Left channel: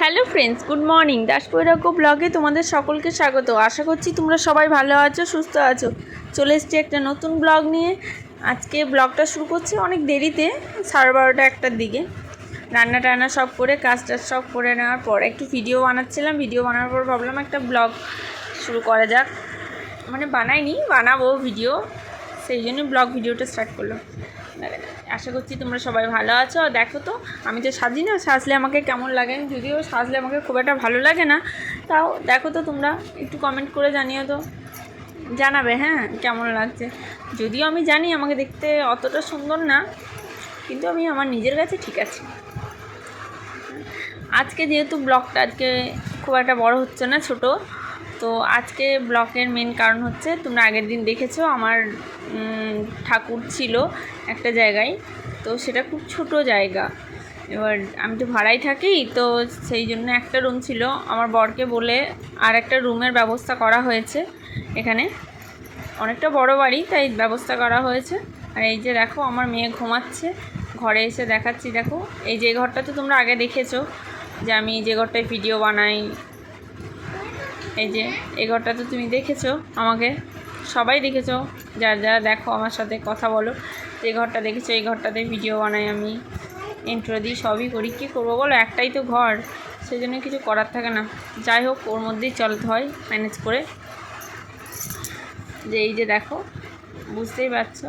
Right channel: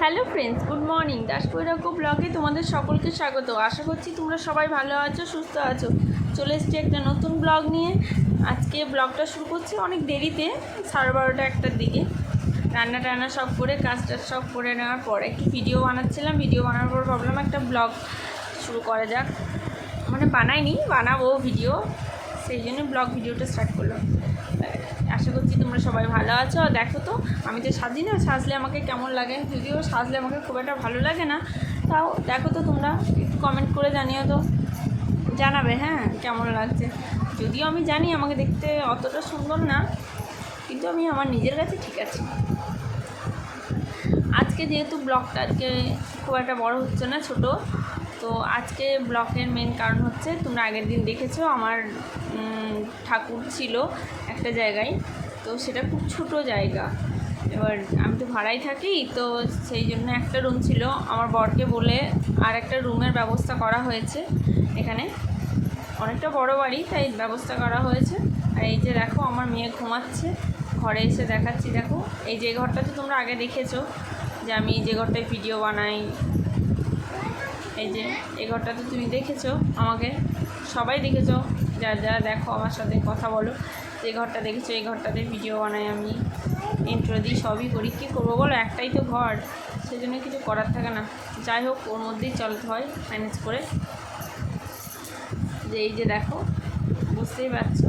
Hello friends, good morning. দাসকৈরাগ্য ব্লগে তোমাদের সকলকে স্বাগত। আশা করছি তোমরা সবাই ভালো আছো, সুস্থ আছো। চলে এসেছি একটা নতুন ব্লগ নিয়ে। আজকে ব্লগটা শুরু করছি অনেক দেরিতে, 12:30 একটার দিকে। রান্না টান্না সব করে, কাজ টাজ সব করে নেওয়ার পর একটু ভিডিও বানাচ্ছিলাম। ভিডিও বানানোর পর ভাবলাম একটা ব্লগ শুরু করা যাক। মানে বানাবো ভিডিও, সেই জন্য ব্লগ ভিডিওটা স্টার্ট করলাম। আশা করছি তোমরা সবাই ভালো আছো। আর দেখো তো, আমি তো সাজি না, সাজলে আমাকে কেমন লাগে। যদিও সাজলে আমাকে খুব একটা ভালো লাগে না, তাও দেখো তো তোমরা একটু কমেন্ট করে জানিও তো, জানাবে হ্যাঁ কেমন লাগছে। যদিও আমি জানি আমাকে দেখতে অতটা সুন্দর না, কিন্তু আমি আমার নিজের কাছে ঠিক আছে। আজকে যেহেতু ব্লগটা আজকে খুব একটা বড় হচ্ছে না, ছোট, তো আজকে ব্লগের মেন কারণ হচ্ছে, তোমরা আগের দিন দেখেছো আমার ঠাকুর ছিল একটা জায়গায়, তো সেটা খুব ছোট জায়গা। এবার আমি তো ভাড়াই থাকি, তো সেই জন্য একটা রুম ছিল, আমার বরকে বলে আর একটা রুমের ব্যবস্থা করা হয়েছে। এখানে অনেকটা বড় বাড়ি, তাই ব্যবস্থা করা হয়েছে। আর এই যে দেখো আমার মেয়ে ঘুমাচ্ছে, ঘরে এসে দেখাচ্ছি। দেখো এই যে ঘরটা তো তোমরা আগে দেখেছো, যে আমি যে ঘরটায় ভিডিও বানাই, এই যে এই ঘরটা তো তুমি দেখেছো, আমাকে সবাই দেখেছো, যারা দেখো আমার সাথে কথা বলো, যে ঘরটা দেখেছো এই ঘরটাতে ভিডিও বানাই আমি, ইন্ট্রো দিই, সবই করি। কী করবো বলো, একটাই তো ঘর, সেই জন্য কিছু করার থাকে না। যাই হোক, ওর মধ্যেই চলতে হয় ম্যানেজ করে। যে এই যে দেখো, বুঝতেই পারছো।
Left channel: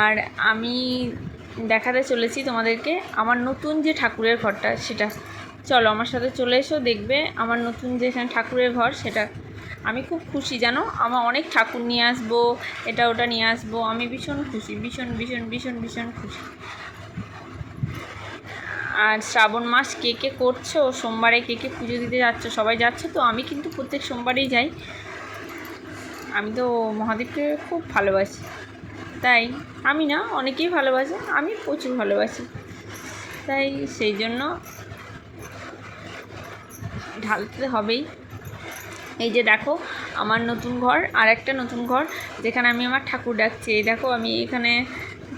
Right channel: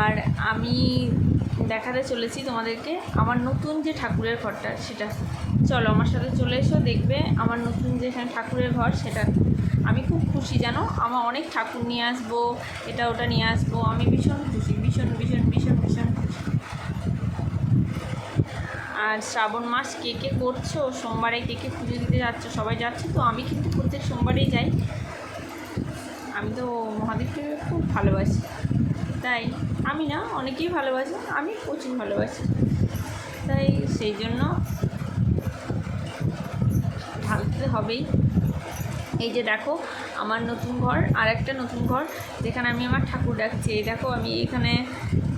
আর আমি দেখাতে চলেছি তোমাদেরকে আমার নতুন যে ঠাকুরের ঘরটা, সেটা চলো আমার সাথে চলে এসো, দেখবে আমার নতুন যেখানে ঠাকুরের ঘর, সেটা আমি খুব খুশি জানো। আমার অনেক ঠাকুর নিয়ে আসবো, এটা ওটা নিয়ে আসবো, আমি ভীষণ খুশি, ভীষণ ভীষণ ভীষণ ভীষণ খুশি। আর শ্রাবণ মাস কে কে করছো, সোমবারে কে কে পুজো দিতে যাচ্ছ, সবাই যাচ্ছে তো। আমি কিন্তু প্রত্যেক সোমবারেই যাই। আমি তো মহাদেবকে খুব ভালোবাসি, তাই আমি না, অনেকেই ভালোবাসে, আমি প্রচুর ভালোবাসি, তাই সেই জন্য ঢালতে হবেই। এই যে দেখো আমার নতুন ঘর, আর একটা নতুন ঘর যেখানে আমি আমার ঠাকুর ডাকছি। এই দেখো আমি এখানে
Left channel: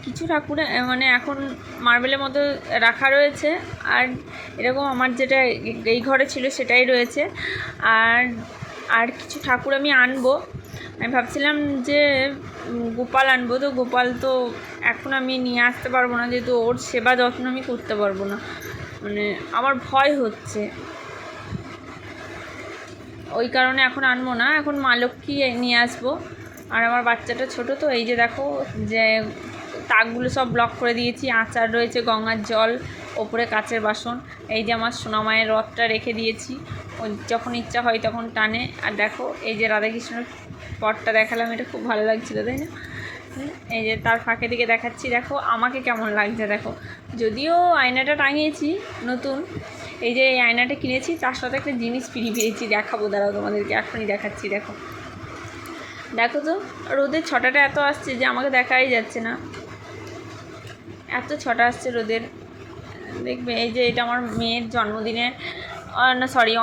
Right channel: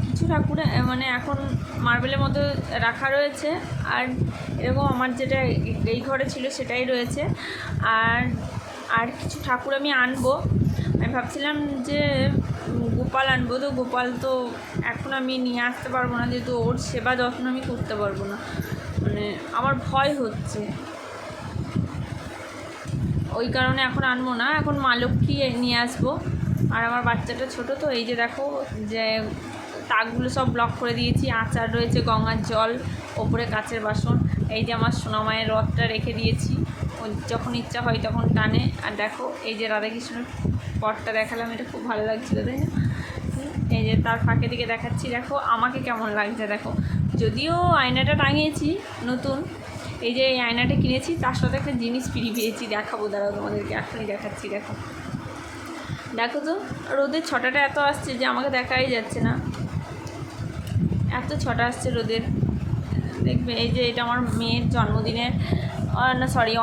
কিছু ঠাকুর মানে এখন মার্বেলের মতো রাখা রয়েছে, আর এরকম আমার যেটা এই ঘরে ছিল সেটাই রয়েছে। আর আর কিছু ঠাকুর আমি আনবো। আমি ভাবছিলাম যে গোপাল আনবো, তো গোপাল তো এখন আমি নিয়ে আসতে পারবো না, যেহেতু ওর সেবা যত্ন আমি করতে পারবো না, মানে আমার ভয় হচ্ছে, ওই কারণে এখন আনবো না। এখন মা লক্ষ্মী নিয়ে আসবো। আর আমার বাচ্চাটা ছোটো, তো এই যে দেখো যে তাকগুলো সব ব্লক করে দিয়েছি, আচার রয়েছে, গঙ্গার জল, ওপরে কাচের বাসন। এই যে আমার সোনামায়ের রথটা রেখে দিয়েছি, ও যখন ইচ্ছা হয় তখন টানে। আর দেখো এই যে রাধাকৃষ্ণের পটটা দেখালাম, এটা খুব ভালো লাগছিলো তাই না। এই যে তার ফাঁকে দিকে দেখাচ্ছি, দেখো আমাকে কেমন লাগছে। দেখো যদিও আয়নাটা টাঙিয়েছি নতুন, এই যে এই আয়নাটা কিনেছি, তার সাথে একটা জিনিস ফ্রি পেয়েছি, দেখাবো, দাঁড়াও তোমাদেরকে এখনই দেখাচ্ছি। দেখো দেখো তো, রোদের ছটাটা এত আসছে যে আমাকে দেখাই যাচ্ছে না, এত ছটা আসছে রোদের। দেখবে এই যে এটা আমার মেয়ের জন্মদিনের,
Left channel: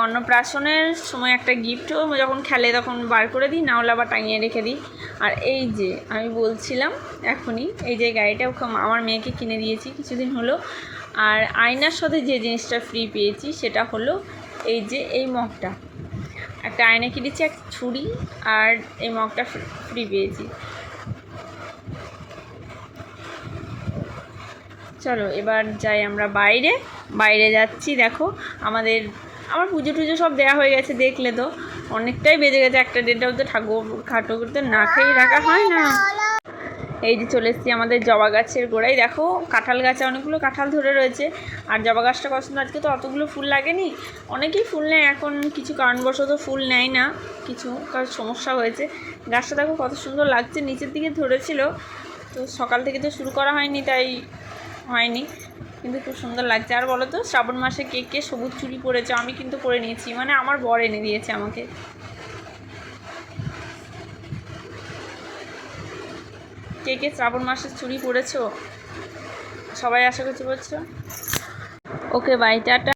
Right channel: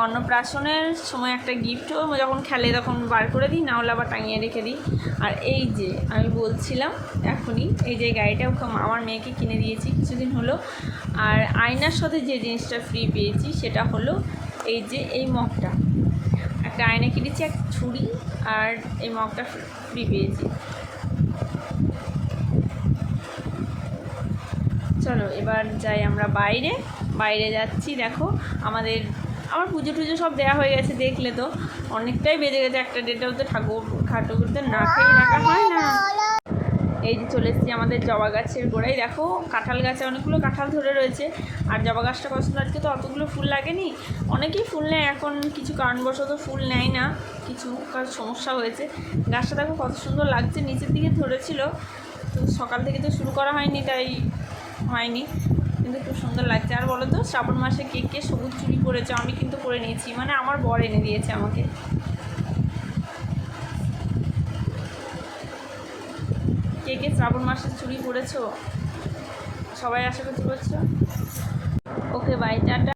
অন্নপ্রাশনের সময় একটা গিফট, যখন খেলে তখন বার করে দিই, না হলে আবার টাঙিয়ে রেখে দিই। আর এই যে আমি বলছিলাম এখনই, এই যে গাড়িটা আমার মেয়েকে কিনে দিয়েছি কিছুদিন হলো। আর আয়নার সাথে যে জিনিসটা ফ্রি পেয়েছি সেটা হলো এই যে এই মগটা, একটা আয়না কিনেছি, এক ছুরি, আর এই মগটা ফ্রি পেয়েছি। চলো এবার যাই আমরা বাইরে যাচ্ছি। দেখো আমার পুজো টুজো সব দেওয়া হয়ে গেছে, দেখলে তো অনেকটাই বেজে গেছে, একটা দেড়টাও তো ঠাকুরতে না খেয়ে রাখা হয় না। এই যে চলে এসেছি আমাদের জবা গাছের গোড়ায়। দেখো কাঁঠাল গাছে অনেকগুলো কাঁঠাল ধরে রয়েছে, আর জবা গাছটা পছন্দ। আজকে তো অতগুলো ফুল লাগেনি, অনেকেই ফুল নেয় এখন, কিছু কারণবশত ফুল নেয় না, কিছু কারণ সমস্যা হয়েছে। গাছটা দেখো কত সুন্দর লাগছে, নিচের দিকে ধরেছিল, তো সকাল থেকে তো শুরু করা হয়নি, তাই হয়নি, কিন্তু খুব সুন্দর লাগছে। আর বলো তো, শ্রাবণ মাসে কে কে সবুজ চুড়ি পরেছে? আমি কিন্তু পরে নিয়েছি, মানে আমার বর এনে দিয়েছে আমাকে। কে কে শ্রাবণ মাসের চুড়ি পরেছো? সবাই আশা করছি পড়ছো। Okay bye, tata.